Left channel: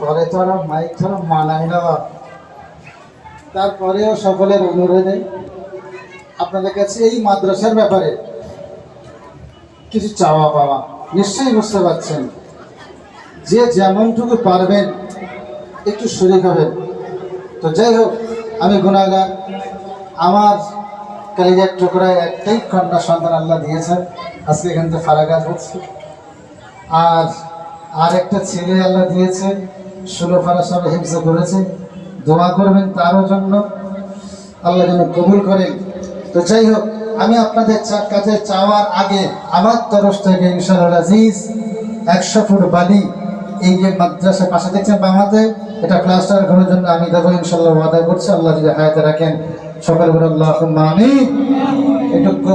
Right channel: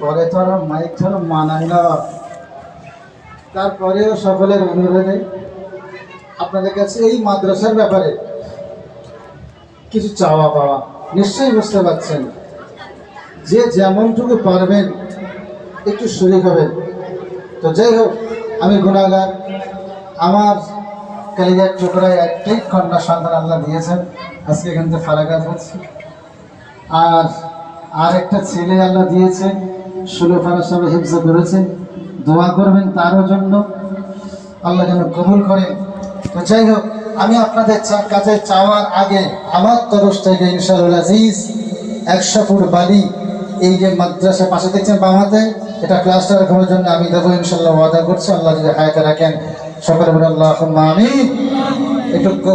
পরে তো মাইক না তারপরেও সকলের অনুরোধে আপনাদের কাছে এই মাদ্রাসার ব্যাপারে কিছু চাওয়া পাওয়া নিশ্চয়ই বুঝতে পারছেন। যে যেমনটুকু পারবেন, একটু শরিক হবেন। তো যাই হোক, আমি গুণাগার। আমার কালিজার টুকরায় একটাই কন্যা সন্তান আল্লাহ দিয়েছেন। আজকে এখান থেকে ফারাকাত হচ্ছে। আর আর একটা ছেলে আল্লাহ দিয়েছে ষোলো ফারা সবে হিংসা করেছে দোয়া করবেন তারও জন্য। আল্লাহ যেন কবুল করেন তো যাই হোক, আমি আপনাদের কাছে চাওয়ার আগে আমার তরফ থেকে ইনশাআল্লাহ আজিজ, একশো ফুট বালি এই যে মাদ্রাসা পাশে দেখছেন বামাতে, এটা ক্লাস্টার ঘরের জন্য আমি দেবো ইনশাল্লাহ ওয়াদা করছি। আল্লাহ যদি হায়াতে রাখেন, সকল আল্লাহ আমি একটু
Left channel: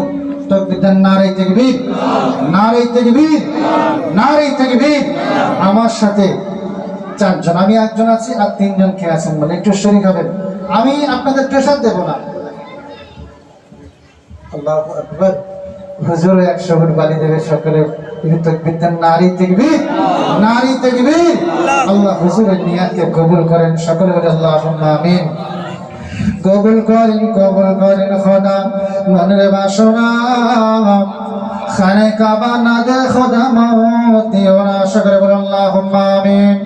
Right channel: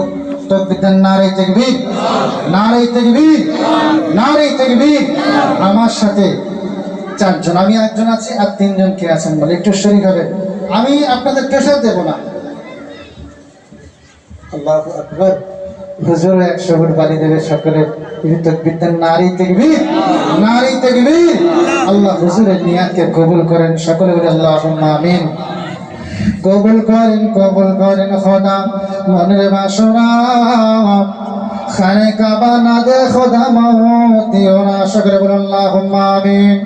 আমি একজন আছি আর তিনজন কে আছেন বলে একটু হবেন। আমি আপনাদের দেব না। আল্লাহ হুজুর একশো ফুট বালি দেবে তেকবীর আল্লাহ হুজুরের নিয়াতকে কবুল করেন। সকলে আল্লাহ আমিন। কবুল করেন কবুল করেন খোদা। মনের বাসনা খানে কাবা না দে খোদা মত, দিও না সকলে বলে আল্লাহ আমিন।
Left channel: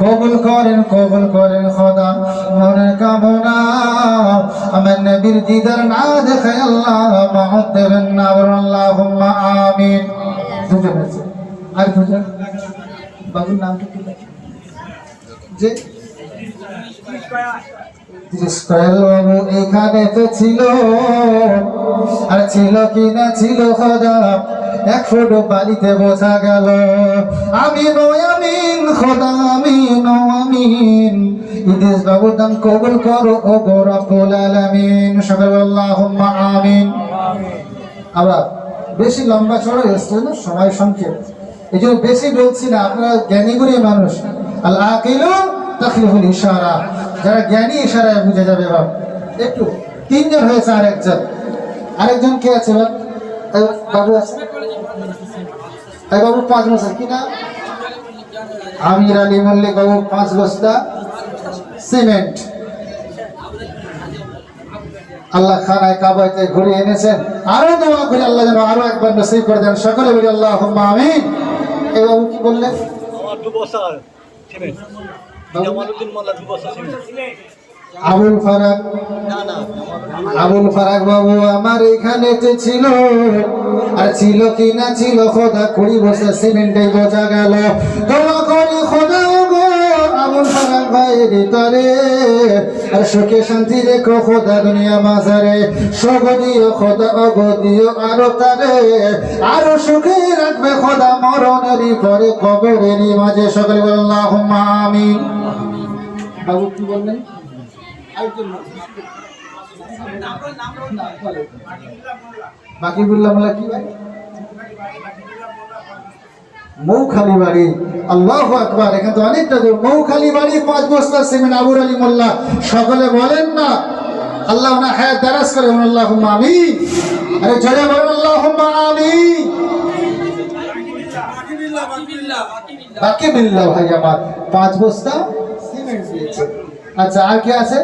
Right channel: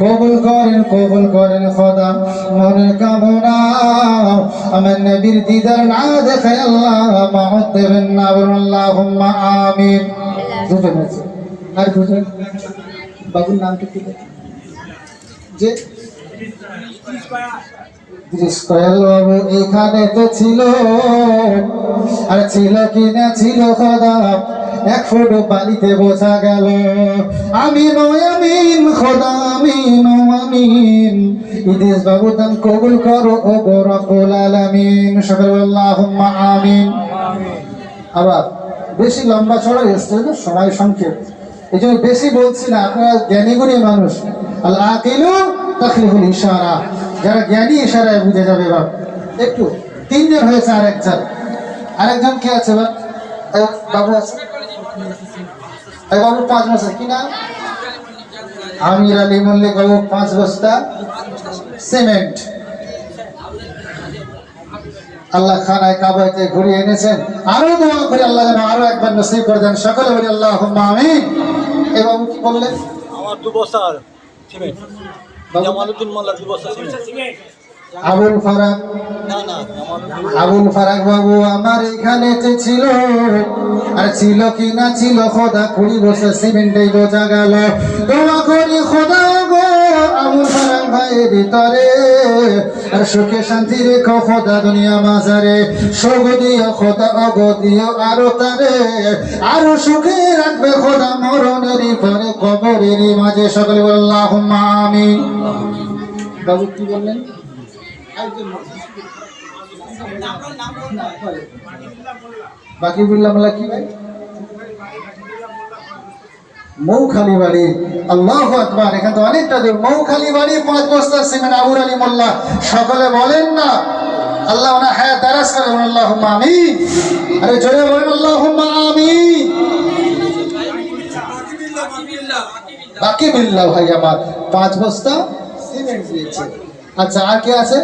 কবুল করেন কবুল করেন খোদা, মনের কামনা। আমার নবীর দিদার না দেখে আল্লাহ মহত দেবেন না, বলুন আল্লাহ আমিন। দুজন আছে। আর দুজন? বাবুর নামটা কি? যে এখানে তো ছিল, আর ছিল কি না ছিল খোদা? এক ফোটো গেল, আমি নয় আমিন খোদা আমি আমিন ইদিস বাবু দাম কবুল করো, ও আলামিন। আমিন। আবার বেশি লম্বা চড়া না সময় সংক্ষেপ। এই জন্য বেশি বলছি না, আপনারা জ্ঞানী গুণী মানুষ। আল আকিলু তাকলিফুল ইশারা। যারা জ্ঞানী ইশারায় বুঝে যাবে বাপ একটু তিনজন হয়েছে আর আরেকজন। আরেকজন কে আছে বাবু আছে। বাবু পাঁচ বছর, কি না আমির আলী মল্লিক বাবু, পাঁচ বস্তা সিমেন্ট। আল্লাহ খানায় কাবাইতে ঘুরিয়ে এনেছেন। আরও দোয়া করে, আল্লাহ যেন আরও একবার নসিব করে দেন। সকলে বলি আল্লাহ আমিন। এবং কি বললেন? আমার দু বস্তা সিমেন্ট। জামালউদ্দিন মোল্লা আবুল ফারাক। আবুল ফারাক বাবু আমার এখানে ছিল আর ছিল কি না ছিল খোদা কুড়ি বছর সিমেন্টে বোঝা গেল। তোমা করি খোদা ভিতরে। আর সুখে শান্তি রেখো খোদা দুনিয়া মাঝারে সগ দিও খোদা, অগ দিও আরও তারে। আরও সুখে রাখবে খোদা মরণেরই পরে কবরেরই মাঝে। সকলে বললাম আমি বাবু কি বললেন? বাকি বিল্লা মোল্লা কি ভাই? মৌখালি বাড়ি, আল্লাহ আকবার। এখান থেকে অনেকটা দূর। মৌখালি বাড়ি, পাঁচ বস্তা সিমেন্ট আবুর আলী মোল্লা। সকলে বলেন না, আল্লাহ ওনার হায়াত দারাজ করে আল্লাহ আমি আরে জোরে বলেন আল্লাহ আমি বাকি বিল্লা ভাই আমার, পাঁচ বস্তা সিমেন্ট দিয়েছে। আচ্ছা আর কে আছে?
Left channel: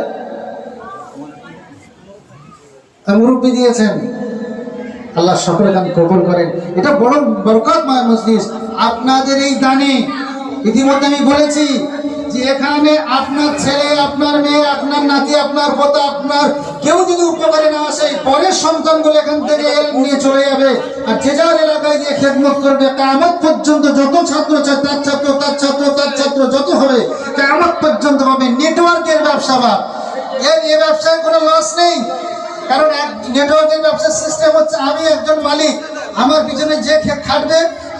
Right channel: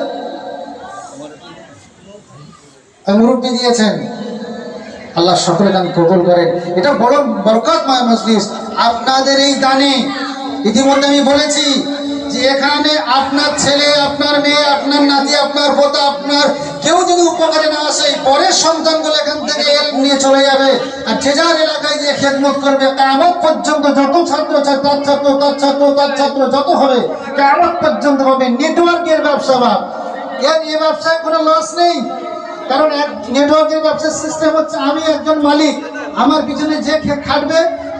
মুরব্বী দিয়েছেন। আল্লাহ সকলে দান কবুল করেন। এটা বড় বরকতময় মজলিস। আপনাদের এই দানে ইতিমধ্যে আমি বলেছি যে এখানে আপনার ছেলে, আপনার মেয়ে, আপনার নাতি, আপনার পোতা, আপনার কেউ যদি উপকারে না আসে পরের সন্তানগুলো এখান থেকে নিয়ে চলে যাবে। আর যে যার এলাকায় যে খেদমত করবে কামত পর্যন্ত যত ছাত্র তার ছাত্র তার ছাত্র তার ছাত্র, যত হবে কামত পর্যন্ত হবে। নেটওয়ার্কের ব্যবসা বা এর এ ব্যবসায় কোনো লস নেই। কারণ এক নেটওয়ার্কের ব্যবসার সিস্টেম হচ্ছে আমি একজন মালিক, আমার পিছনে যে খাটবে,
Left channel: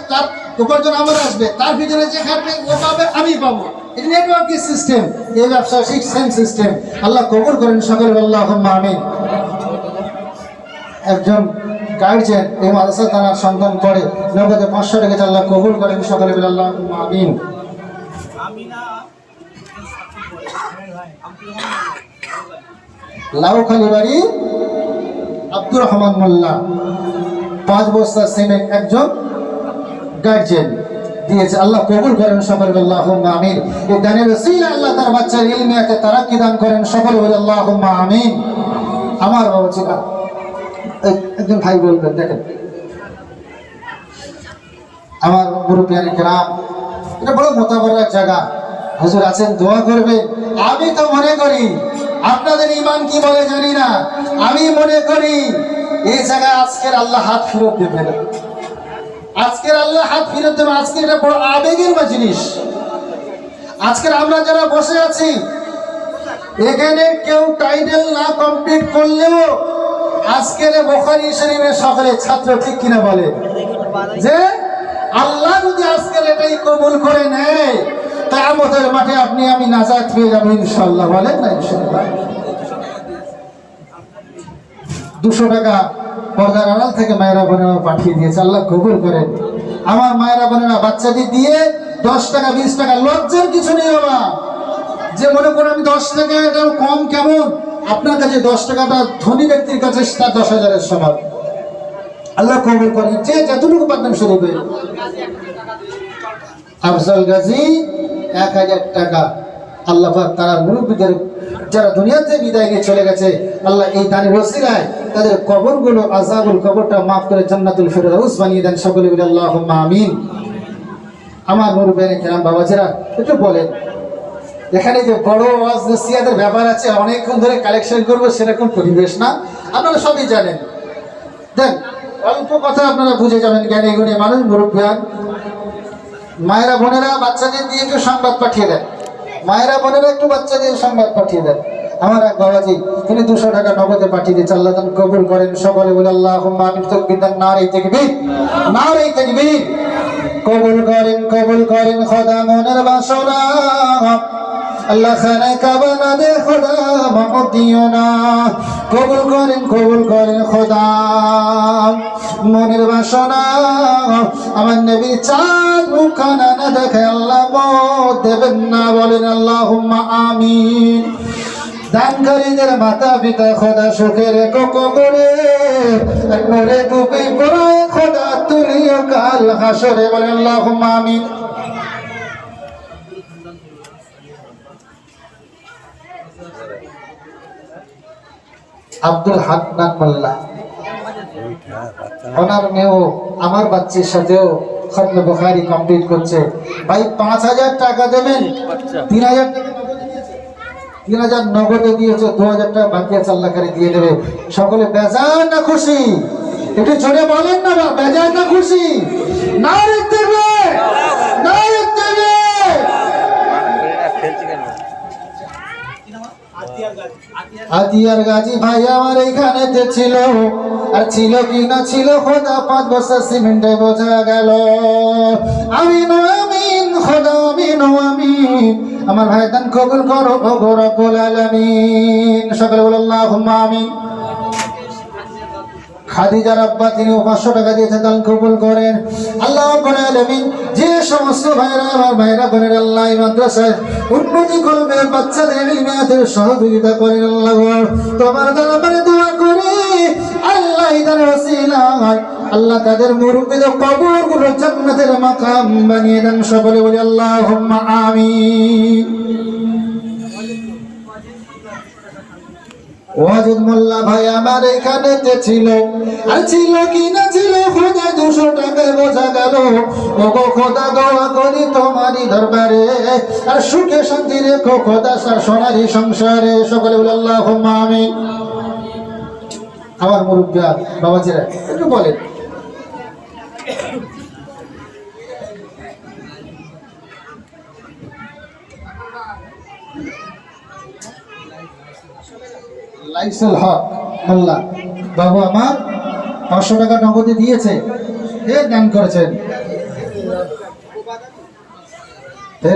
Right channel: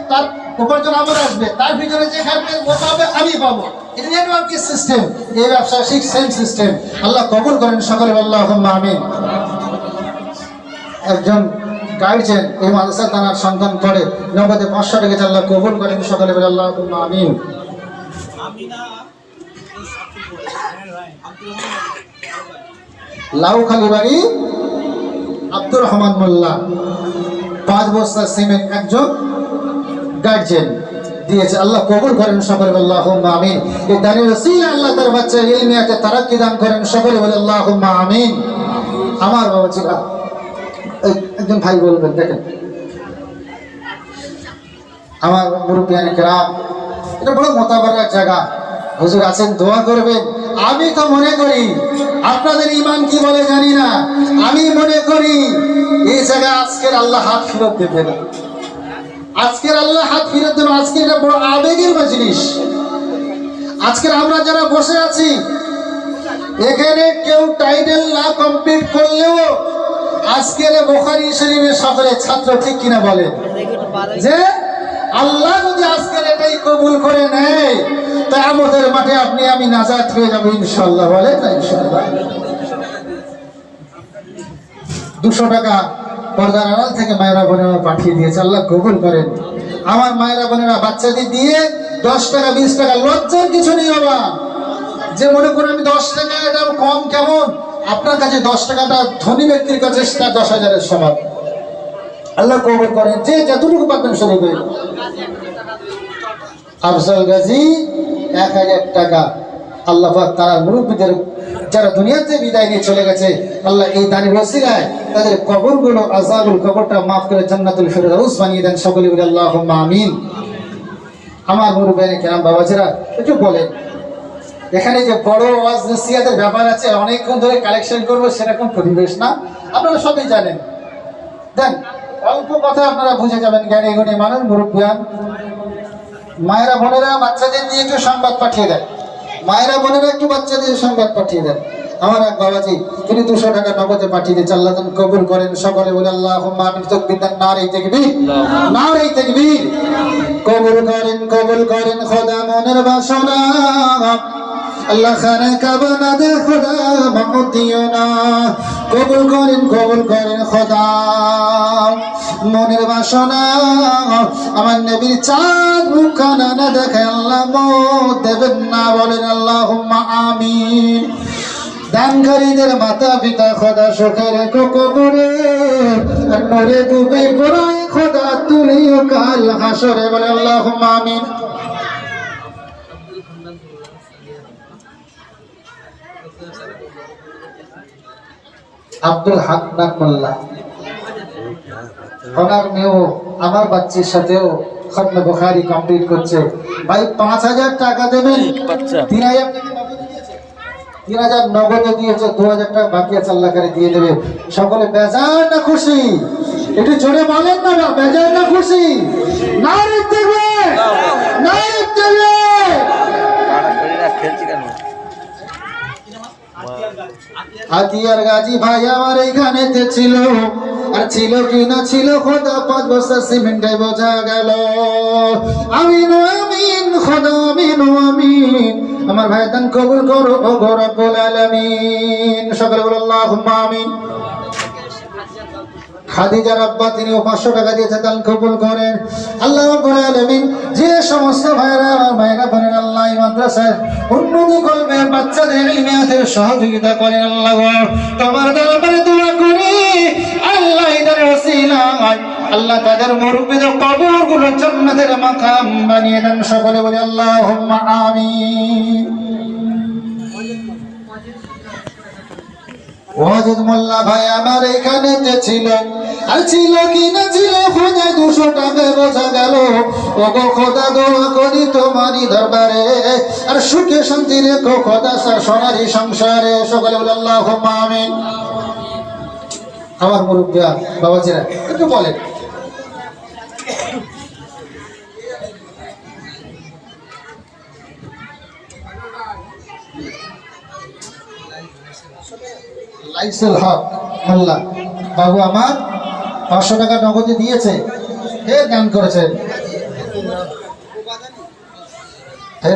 তার উপার্জন আমার আসবে, তার পিছনে যে খাটবে, ও পাবে, আমি পাবো। নেটওয়ার্কের সিস্টেম এই ব্যবসা ঠিক সেম সিস্টেম আল্লাহ কবুল করেন সকলে আল্লাহ আমিন। একজন গাইডছেন এই মাদ্রাসায় তার সন্তান পড়ে, নগদে পাঁচশো টাকা আল্লাহ কবুল করেন, সকলে আল্লাহ আমিন। লাউখালি বাড়ি আব্দুর রহমান মোল্লা। পাঁচ বস্তা সিমেন্ট একজন গার্জেন দিয়েছে। আল্লাহ কবুল করেন সকলে বলে আল্লাহুম্মা আমিন। এই দানের ওসিলা আল্লাহ তার বাচ্চা ইলমিয়াতে কি দান করেন সকলে বলে, আল্লাহুম্মা আমিন। আমার বাবা ছিল একজন ভাই বলবেন, দেখেন। আমার মুরব্বিয়ানি কেরাম, এটা বড় মোতাবারক জায়গা। হুজুর আছেন, দোয়া করবেন। আমি তো মনে করি, আপনাদের ইমান কি বলে জানি না। আমি মনে করি, এই জায়গায় আজকের আল্লাহ হাত ফেরত দেবেন আজকের আল্লাহ হাত ফেরত দেবেন আজকে এটা বড় আবেগের বা জিনিস। আজকের আমরা যারা বসে আছি, এখানে কেউ টাইটেল না কমপ্লিট করলেও আজকের বোখারি শরীফের সকলে ছাত্র ঠিক কিনা বলে? যে আল্লাহ যদি আজকের এটাই কবুল করে নেয় আমাদের মাঠে আপনি, আমি নাজাত হয়ে যাব ইনশাল্লাহ বলেন না ইনশাল্লাহ দুশো টাকা পর্দার আড়াল থেকে মায়েরা বোনেরা পাঠিয়ে দিয়েছে। আল্লাহ কবুল করেন। আমার মায়েরা বোনেরা বাচ্চাদের দিয়ে দশ টাকা, বিশ টাকা লজ্জার কিছু নেই বাবা। যে মনে করে আমি দশ টাকা এটা কম কেমন? আপনার কাছে দশ টাকাটা ধনী ব্যক্তির কাছে তার দশ হাজারের সমান। আল্লাহ কবুল করেন। যে যতটুকু পারবেন করেন আফজল গাজী, এক হাজার টাকা। আল্লাহ তারা মুরব্বীদের, যারা দুনিয়াতে বিদায় নিয়ে চলে গেছে, আল্লাহ এই দানের রসিলায় তাদের কবরগুলো, আজাবুল কবরটা মাফ করে জান্নাতুল ফেরদাউস বানিয়ে দেন। সকলে বলে আল্লাহ আমিন। আমার মুরব্বী কেরাম বাবাজিরা, একটু বলেন, এখানে যে বড় ওয়াজ নসিয়াদের ব্যাপার আছে, অনেকক্ষণ ধরে কালেকশন করব, সেরকম পরিবেশ না? আপনারা সবই জানেন। দেন, অল্প কথা আপনারা বুঝে যাবেন জ্ঞানী গুণী মানুষ, মুরব্বিয়ান। মায়েরা বোনেরা বাচ্চাদের দিয়ে একটু সংবাদ পাঠিয়ে দেন। মায়েরা বোনেরা একটু বাচ্চাদের সংবাদ পাঠিয়ে দেন। আমার এক বাবাজি, তিনি দুশো টাকা নগদে পাঠিয়ে দিয়েছে আল্লাহ কবুল করেন। সকলে বলে আল্লাহ দেন না রে তেকবীর। না রে তেকবীর। কবুল করেন কবুল করেন খোদা মনের বাসনা। আল্লাহ খানে কাবানা দে, খোদা মাহমুদ দিও না। কবুল করেন কবুল করেন খোদা। মনের বাসনা আমার নবীর চাঁদ মুখানা না দেখে আল্লাহ দেবেন না। বলেন আল্লাহ আমিন। দানকারীদের মাতা পিতা খোদা সুখে রেখো কবরে। আর মরে ডুবে পড়ে খোদা তুলিও কাল হাসরে। বলে আল্লাহ আমিন। আব্দুল হান্নান মোল্লা। ওনার মেয়েও আমার বাচ্চার সাথেও খতমে বুখারি কমপ্লিট করছে। ভাই পাঁচ হাজার টাকা দেবেন? তিন হাজার নগদে তিন হাজার নগদে দিয়েছে দু হাজার টাকা বাকি আছে আল্লাহ করে দিয়ে দেবে। সকলে বেজার না খুশি? একটু জোরে বলেন না বেজার না খুশি? না দেবে হাতিয়ার গাজী। ভাই আমার এইখানে ছিল। আর ছিল কি না ছিল খোদা পাঁচ বছর সিমেন্টে বোঝা গেল। আমিন আমিন, খোদা আমিন আমিন। আমার ভাই দান কবুল করো ও গরবুল আলামিন। সকলে বল, আল্লাহুম্মা আমিন। খাদিজার আব্বা তিনিও পাঁচশো টাকা দিয়েছেন দান কবুল করেন। আল্লাহ রাব্বুল আলামিন যে সমস্ত ভাইরা আমার ভাইরা বোনের আল্লাহ মাদ্রাসায় উন্নতি করবে বাচ্চাদের ইলমিয়াতে সহযোগিতা করেন আল্লাহ। তোমার দরবারে দোয়া করি আল্লাহ আল্লাহ তাদের কবরগুলো জান্নাতের মাকাম বানিয়ে দেন সকলে বলে ওয়াজিদ মোল্লা ভাই আমার ছিল, আর ছিল ছিল দুশো টাকা গেল। খোদা আর শান্তি খোদা সোনারি সংসারে। সকলে বলে আল্লাহ আমিন। আমার মুরব্বিয়া বাবাজিরা একটু বলেন। লাইসুল হক মোল্লা বাবু আমার পাঁচশো টাকা নগদে দিয়েছে। কে দান করেছেন?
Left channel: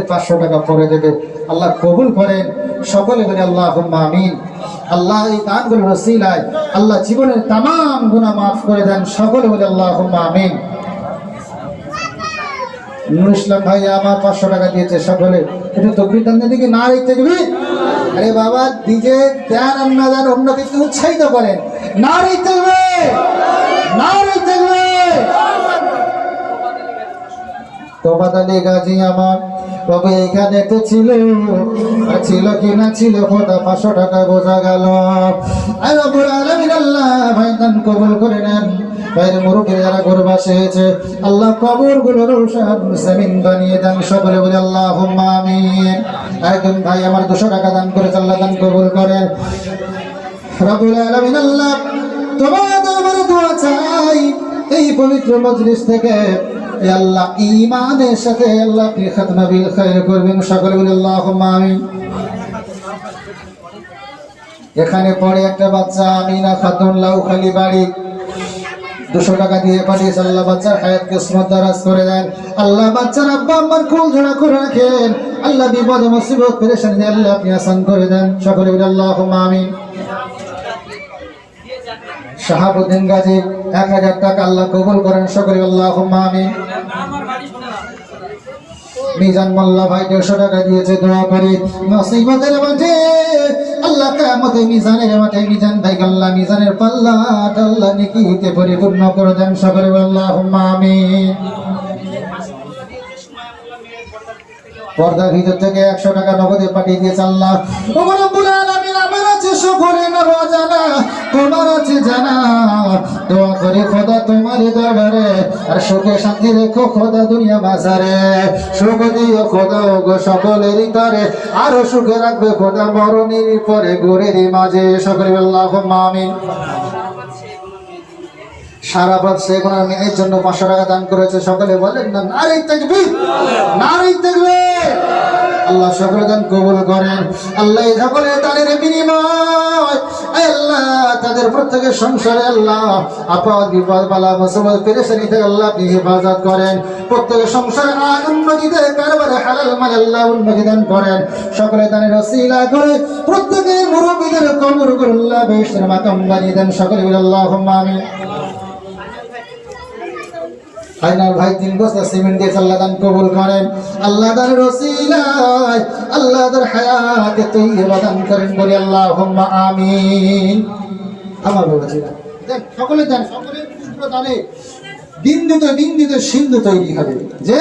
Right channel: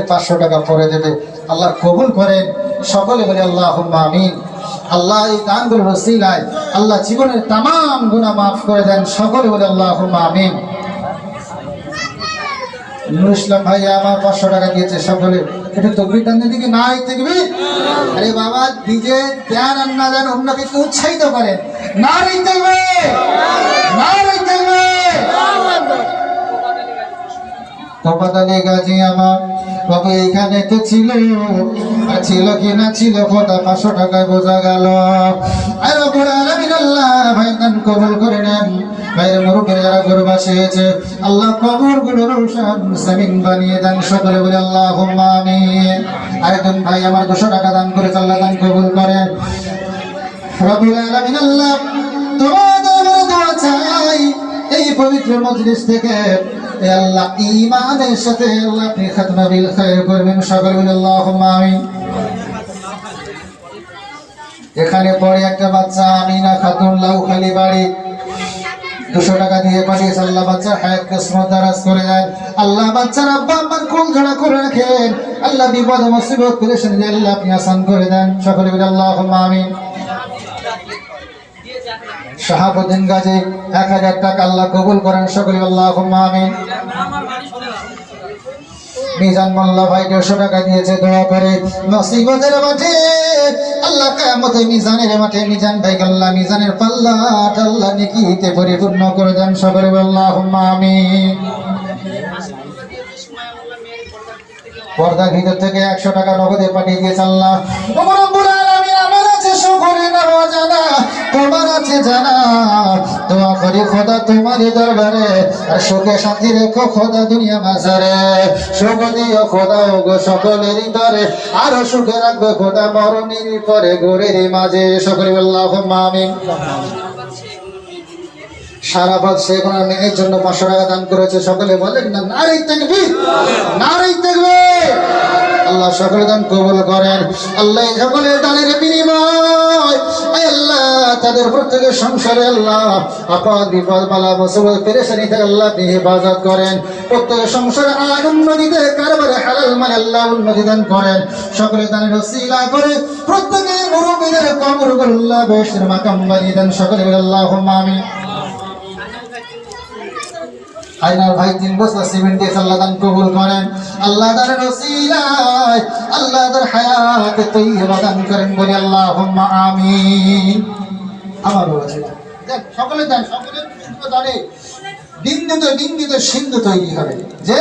পাঁচশো টাকা পরে দেবে। আল্লাহ কবুল করেন। সকলে বলে আল্লাহ আমিন। আল্লাহ এই রসিলায় আল্লাহ জীবনের গুণা মাফ করে দেন। সকলে বলে আল্লাহ আমিন। ইসলাম ভাই, আমার পাঁচশো টাকা দিয়েছে সকলে। দান দিকে না দিবি আরে বাবা ডিজে দেন আর না দেন অন্য কিছু উৎসাহিত করেন। না দিবে না রেখে দিবে তোপাতালি গাজি আমার বাবু এইখানে তো ছিল? ছিল কি না ছিল? খোদা পাঁচশো টাকায় বোঝা গেল। আয় রব্বুল আলামিন আল্লাহ, ভাই দান কবুল করে নেন। আল্লাহ সামিন বানিয়ে বলে আল্লাহ ভাই আমার দুশো টাকা করে আল্লাহ দান কবুল চাই, এই পবিত্র মজলিস থেকে এ আল্লাহ, ঈমানের সাথে আল্লাহ আপনি খাতমা বিল করবেন, সকলে বলে আল্লাহুম্মা আমিন। এখানে পড়ে একটা বাচ্চা, আমিনা খাতুন লাউখালি বাড়ি। দুশো টাকা দিয়ে পাঠিয়েছে, আল্লাহ বাচ্চার হায়াত, কিসমত দারাজ করে দেন। আল্লাহ বাচ্চার আব্বা আম্মার কুল ঝোড়া করে রাখেন। আল্লাহ বিপদ মুসিবত পেরেশানি আল্লাহ আপনি আসান করে দেন। সকলে বলে আল্লাহুম্মা আমিন। শাহাবুদ্দিন গাজী, এক হাজার টাকা আল্লাহ কবুল করেন, সকলে আল্লাহ আমিন। মিজান মোল্লা ভাই দেড়শো টাকা দিয়েছে, দোয়া করে। নসিবতের মাঠে আল্লাহ কামতে মিজানের মাঠে মিজান ভাই আল্লাহ মিজানের পাল্লা আল্লাহ নেকিতে পরিপূর্ণ করে দেন, সকলে আল্লাহ পর্দার ভিতর থেকে একশো টাকা নগদে পাঠিয়ে দিয়েছে আল্লাহ। তোমার আছে জানা? দোয়া করি খোদা তোমার দরবারে, আর সুখে শান্তি রেখো খোদা দুনিয়া বাজারে। সুখ দিও খোদা, ও গো সকলেরই তরে, আরও সুখে রাখবে খোদা মরণের পরে গোরের মাঝে। সকলে আল্লাহ আমিন। সারা পথ সে কোনো মেয়ের জন্য পাঁচশো টাকা দান করেছে। সকলে বলেন না, নারী থাকবে নারী থাকবে আল্লাহ সকলে দান কবুল করেন। আল্লাহ সকলে দানের বিনিময় প্রত্যেকের সংসারে আল্লাহ আপদ বিপদ বালা মুসিবত পেরেশানি থেকে আল্লাহ আপনি হেফাজত করেন। প্রত্যেকের সংসারে আয় উন্নতিতে কারবারে হালাল মানে আল্লাহ উন্নতি দান করেন। সকলে দানের রসিলা করে প্রত্যেকের মুরব্বীদের কবর করে আল্লাহ বেশের মাকাম বানিয়ে দেন। সকলে বলে আল্লাহ আমিন। আইনার ভাই তিন বস্তা সিমেন্ট দিয়ে আল্লাহ দান কবুল করেন। আল্লাহ দানের রসিলায় আল্লাহ দার হায়াতে তৈবা দান করেন বলি আল্লাহ আমিন। আমার বাবা ছিল। দেন সকলে দেন সকলের ক্ষুদ্র দানে বিন্দুতে বিন্দুতে সিন্ধু তৈরি হবে। যে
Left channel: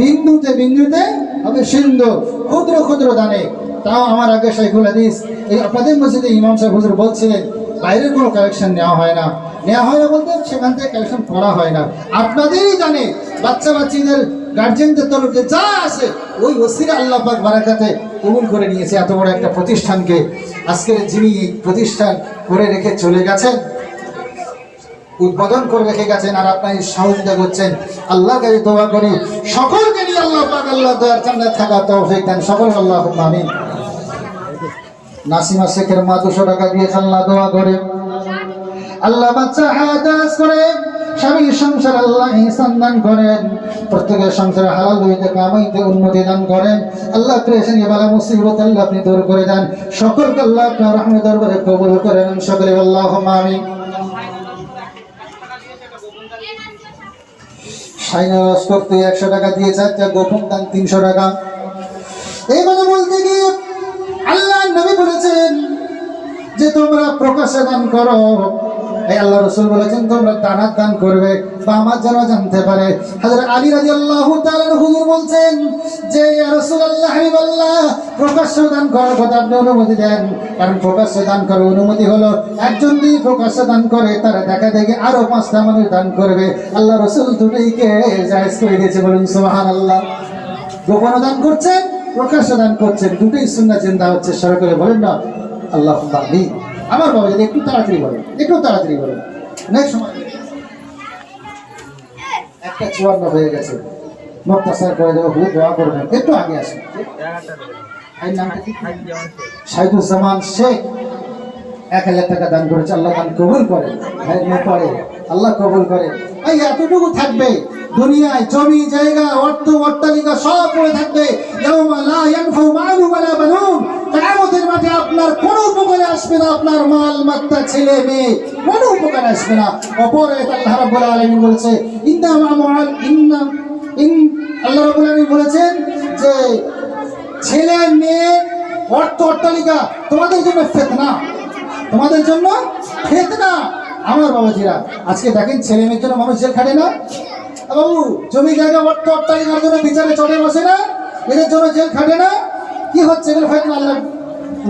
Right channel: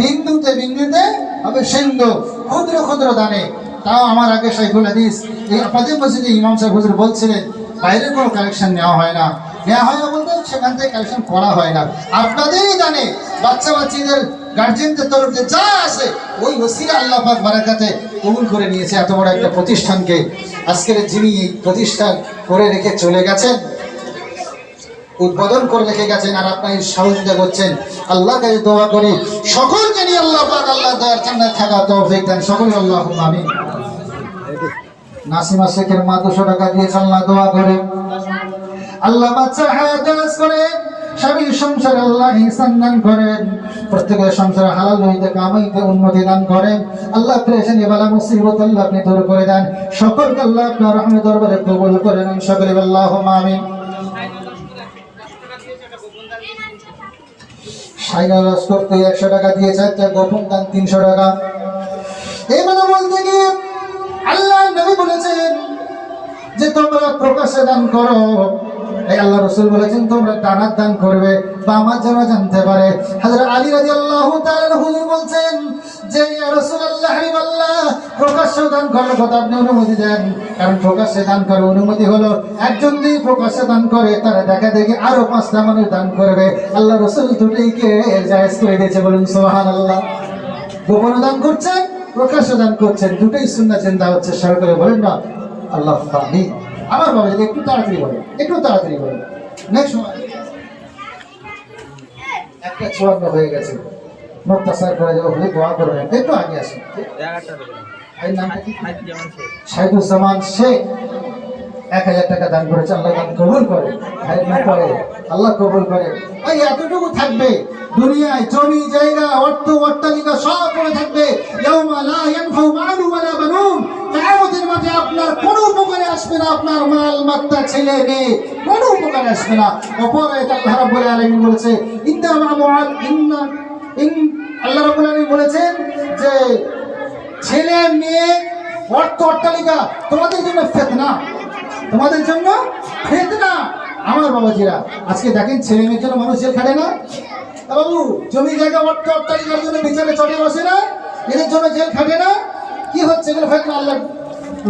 বিন্দুতে বিন্দুতে হবে সিন্ধু। ক্ষুদ্র ক্ষুদ্র দানে। তাও আমার আগে শাইখুল হাদিস, এই আপনাদের মসজিদে ইমাম সাহেব হুজুর বলছিলেন, বাইরের কোনো কালেকশন নেওয়া হয় না। নেওয়া হয় বলতে সেখান থেকে কালেকশন করা হয় না। আপনাদেরই জানে বাচ্চা বাচ্চিদের গার্জেনদের তরফ যা আসে, ওই ওসিরা আল্লাহ পাক বারাকাতে কবুল করে নিয়েছে। এত বড় একটা প্রতিষ্ঠানকে আজকের যিনি এই প্রতিষ্ঠান করে রেখে চলে গেছেন, উদ্বোধন করে রেখে গেছেন, আর আপনার সহযোগিতা করছেন আল্লাহ কাছে দোয়া করি। সকলকে নিয়ে আল্লাহ পাক আল্লাহ দোয়ার চান্নাত থাকা তৌফিক দেন। সকল আল্লাহ আমিন। নাসিমা শেখের মা দুশো টাকা দিয়েছে আল্লাহ দোয়া করে। আল্লাহ বাচ্চা হায়াত করে। স্বামীর সংসার আল্লাহ ইহসান দান করেন। প্রত্যেকের সংসারে হালাল হইতে কামাইতে উন্নতি দান করেন। আল্লাহ প্রেশানি বালা মুসিবত আল্লাহ আপনি দূর করে দেন। সকলকে আল্লাহ আপনার রহমে দরবারে কবুল করে নেন। সকলে আল্লাহ আমিন। সাইনা তুই একশো টাকা দিয়ে গোপন দান তিনশো টাকা। এইভাবে বলতে আল্লাহ নবী বলেছেন যে তোমরা প্রকাশে দান করো। এই আল্লাহ রসুল বলেছেন, তোমরা দান করবে বা আমার জানতে পারে। হাজার আলী রাজি আল্লাহ হুজুর বলছেন যে প্রকাশ্য দান করার কথা আপনি অনুমতি দেন। কারণ প্রকাশ্যে দান করার অনুমতি হলো, একজন যদি প্রকাশ্যে দান করে, তারা দেখা দেখে আরও পাঁচটা মানুষ দান করবে। আল্লাহ রসুল দুটোইকে জায়েজ করে দিয়েছে বলুন সোহান আল্লাহ গোপনে দান করছেন, প্রকাশ্যে দান করছেন, দুটোই সুন্নাহ চিন্তা হচ্ছে সবাই বলেন না? আল্লাহ আমিন। আমার বাবা যদি একটু তাড়াতাড়ি বলেন একটু তাড়াতাড়ি বলেন নেক্সট সময়। একটা চুয়ান্ন হয়ে গেছে। মুক্তাসার করে যাব দোয়া করবেন। একটু আগে সাইদুজ্জামান শেখ। এক হাজার টাকা দান করেছে, আল্লাহ দান কবুল করে। মেয়ে আল্লাহ কবুল করে। এতটুকু থাকবে। দুনিয়ায় জমি, জায়গা, অর্থ, অট্টালিকা সব থাকবে। মাঠে আপনার কোনো উপকারে আসবে না, আপনার মাল মাত্তা ছেলে, মেয়ে, কোনো উপকারে আসবে না। অপরে আল্লাহ রাব্বুল আলামিন বলেছে ইন আল্লাহ রাব্বুল আলামিন বলেছেন যে, ছেলে, মেয়ে, অর্থ, অট্টালিকা, তোমাদের জন্য ফেতনা, তোমাদের জন্য ফেতনা, আমার বাবাজিরা। আজকে দেখেন ছেলে মেয়ের জন্য মানুষ জেল খাটে না। বাবু, জমি জায়গা, অর্থ, অট্টালিকার জন্য বিচারে চড়ে বসে না, এদের জন্য জেল খাটে না। কি হচ্ছে? এগুলো হয়তো আল্লাহ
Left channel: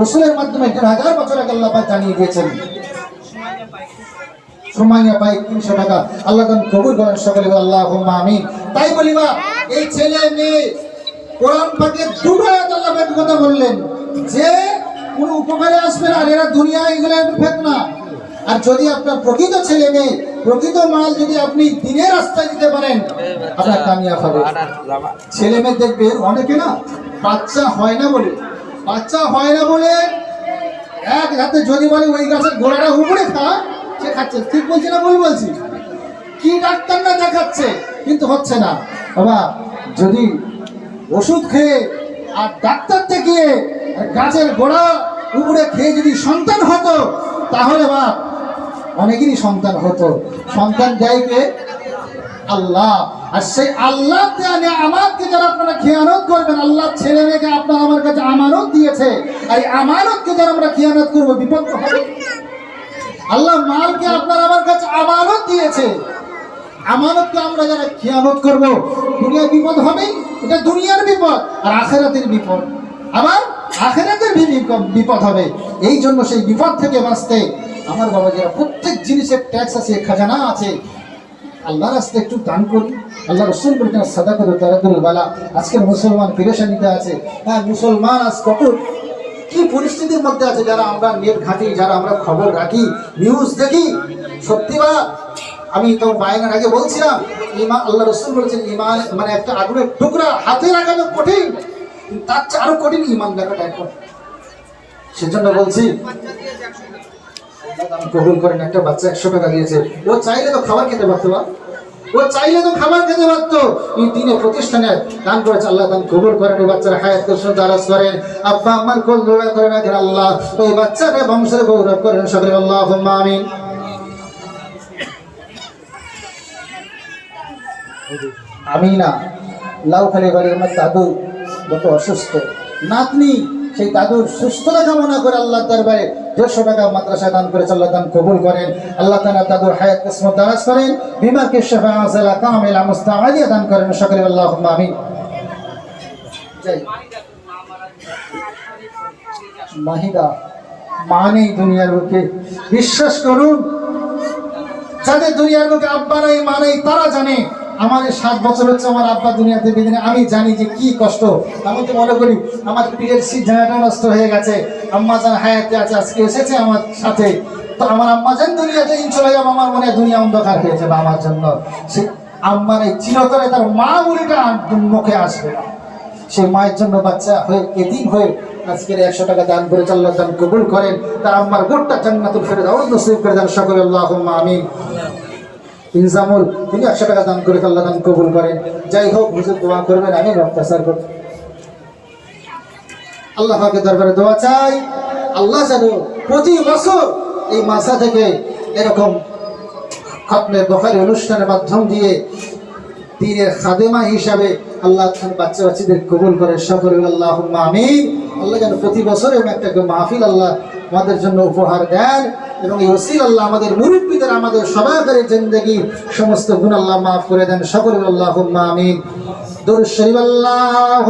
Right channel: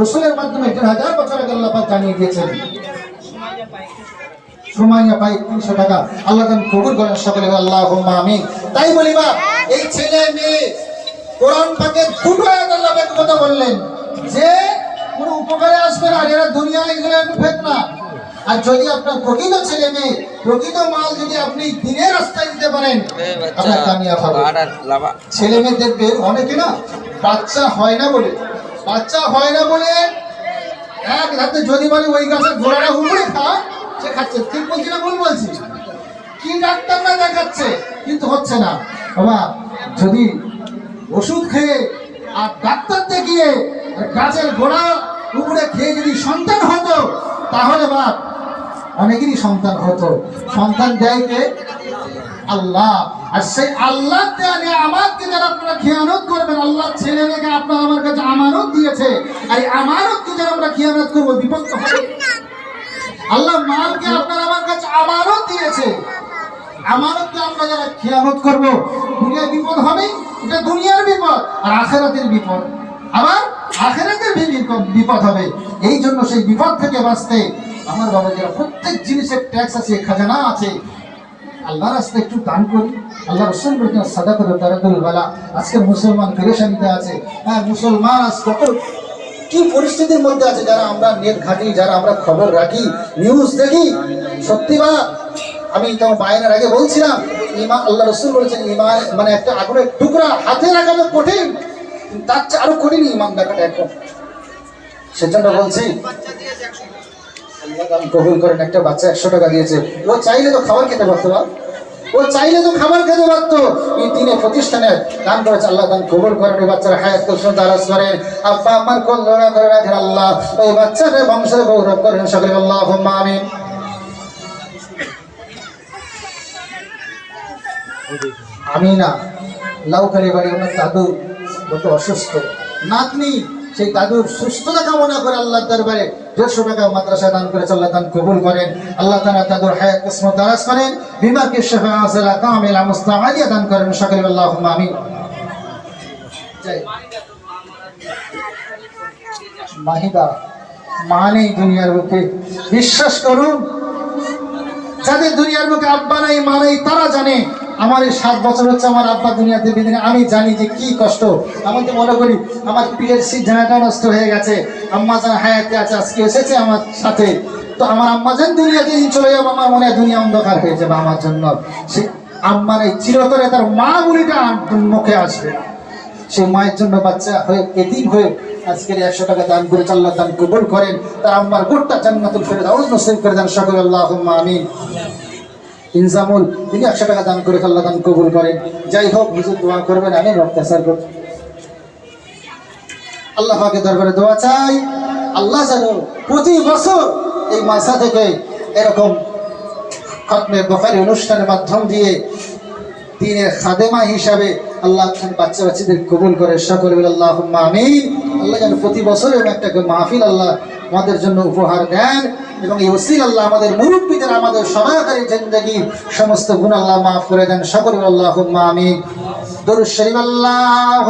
রসুলের মাধ্যমে দেড় হাজার বছর আগে আল্লাহ পাক জানিয়ে দিয়েছেন। সময় পাই তিনশো টাকা। আল্লাহ তান কবুল করেন সকলে আল্লাহ আমি তাই বলি বা এই ছেলে মেয়ে কোরআন পাকে দুটো আয়াত আল্লাহ পাক কথা বললেন যে কোনো উপকারে আসবে আর এরা দুনিয়া এগুলো ফেক না। আর যদি আপনার প্রকৃত ছেলে মেয়ে প্রকৃত মাল যদি আপনি দিনের রাস্তায় দিতে পারেন আপনার কামিয়াব হবে। ছেলে মেয়েদের অনেকে না বাচ্চা হয় না বলে। বাচ্চা হয় না বলে এক হাতে যদি বলে ওই গাছের গোড়াটা উপরে খা সে খাচ্ছে। ঠিক বলছি না ভুল বলছি? কি ডাক্তার না দেখাচ্ছে? কিন্তু হচ্ছে না। বাবা, যদি ওষুধ খেয়ে আর ডাক্তার আর গাছের গোড়া উপরে খেয়ে যদি সন্তান হতো, তাহলে বাপ, অনেকেরই সন্তান হতো। সন্তান দেয় কে? আল্লাহ। আর সেই আল্লাহ দেয়া আমাকে যারা আপনারা খেয়ানত করবেন, আল্লাহ ছেলে মেয়েকে আপনার আমার কাছে আমানত দিয়েছে। আর এই আমানতকে যারা আমরা খেয়ানত করব, বিপদ হবে আল্লাহ মালকে আপনার আমার কাছে আমানত দিয়েছে। আমানতকে আমরা যারা খেয়ানত করব দুনিয়ার বিপদ হবে এটা দুনিয়ার বিপদ, আর আখেরাতের বিপদ। আবার আখেরাতের বিপদ হবে। এই জন্য সেই বিপদ থেকে বাঁচতে আমার বাবা যারা প্রত্যেক জিনিসের ট্যাক্স আছে, খাজানা আছে। আল্লাহ রাস্তায় একটু দান করি। আল্লাহ রসুল বলছেন সাদা করে তারা করে বেলা। মুসলমান পেরেশানিতে আছে। হ্যাঁ মুসলমান আজ কত কি পরিস্থিতির মধ্যে আছে যারা আমরা নেট ঘাটি, যারা আমরা খবর রাখি নিউজ দেখি। সত্যি বা? আমি তো বায়নার আগে বলছিলাম, ইমান, আল্লাহ রসুল বলেছেন, ইমান মানে একটা আগুনের টুকরা হাতে লাগানো কঠিন। তার চেয়ে আরও কঠিন ইমান দেখাটা এখন সেজন্য বলছি কবুল করেন, একটা বাচ্চা একশো টাকা দিয়েছে। ও চাইলে তো খাবার খেতে পারতো না। ও চাইলে তো খাবার খেতে পারতো। এই দিনে প্রতিষ্ঠানে দান করেছে আল্লাহ, দান কবুল করেন। এই বাচ্চার হায়াত কুসুম দারাজ করেন। আব্বা, আমার কোল দৌড়া করে রাখেন আল্লাহ। ওই বাচ্চারে বংশের গৌরব করেন সকলে। আল্লাহ আমিন। আমি না লাউখালি বাড়ি ওনার দাদু কত অসুস্থ। নাতনি সেই দাদুর সুস্থতা কামনা করে আল্লাহর দরবারে দেড়শো টাকা মাদ্রাসা দান করে আল্লাহ দান কবুল করেন। আল্লাহ তালা দাদুর হায়াত কিসমত দারাজ করেন, বিমাকে শেফা কামেলা মুস্তামাদিয়া দান করেন। সকলে আল্লাহ আমিন। মাহিদা মা নেই দুনিয়ার বুকে বিশ্বাস করুন, যাদের দুনিয়ার বুকে আব্বা নেই মা নেই তারা জানে আমার এই সাত বছর হচ্ছে আমার আব্বা দুনিয়াতে বেঁধে আমি জানি যে কি কষ্ট। আমি তো মনে করি, আমার পীরের সিদ্ধাটা নষ্ট হয়ে গেছে। আম্মা যান হায়াতে আছে, আজকে এসেছে আমার সাথে। তো আমার আম্মা যান দুনিয়াতে দিন চলে যাব, আমার মনে হয় দুনিয়া অন্ধকার হয়ে যাবে আমার জন্য। সে আম্মা নেই চিরতরে তার মা বুড়িটা মুখে আসবে না। সেই মায়ের জন্য বাচ্চা হয়ে, এতিম হয়ে আজকের একশো টাকা দান করে আল্লাহ দান কবুল করেন, তার আম্মার গোটটা জান্নাতুল ফেরদাউস নসিব করে দেন সকলে। আল্লাহুম্মা আমিন। ইনজামুল তিনি একশো টাকা দান করে আল্লাহ দান কবুল করেন যাই হোক হুজুর দোয়া করবেন, আমি রক্তাচার করব। আল্লাহ পাকের দরবারে দোয়া চাই, আল্লাহ যেন প্রতি বছর এই মাসা থেকে এরকম খতমের দোকানি অনুষ্ঠানের মাধ্যম দিয়ে দিনের খাদেমা হিসাবে আল্লাহ বাচ্চা বাচ্চাদের কবুল করে। সকলে আল্লাহ আমি আল্লাহ যেন প্রতি বছর একটা মাহফিল আল্লাহ আমাদের জন্য উপহার দেন এবং এই ওসিল আল্লাহ আমাদের মুরব্বীদের, আমাদের সবাইকারী জিন্দগি, সমস্ত গুণ আল্লাহ মাফ করে দেন। সকল আল্লাহ আমি দরুদ শরীফ আল্লাহ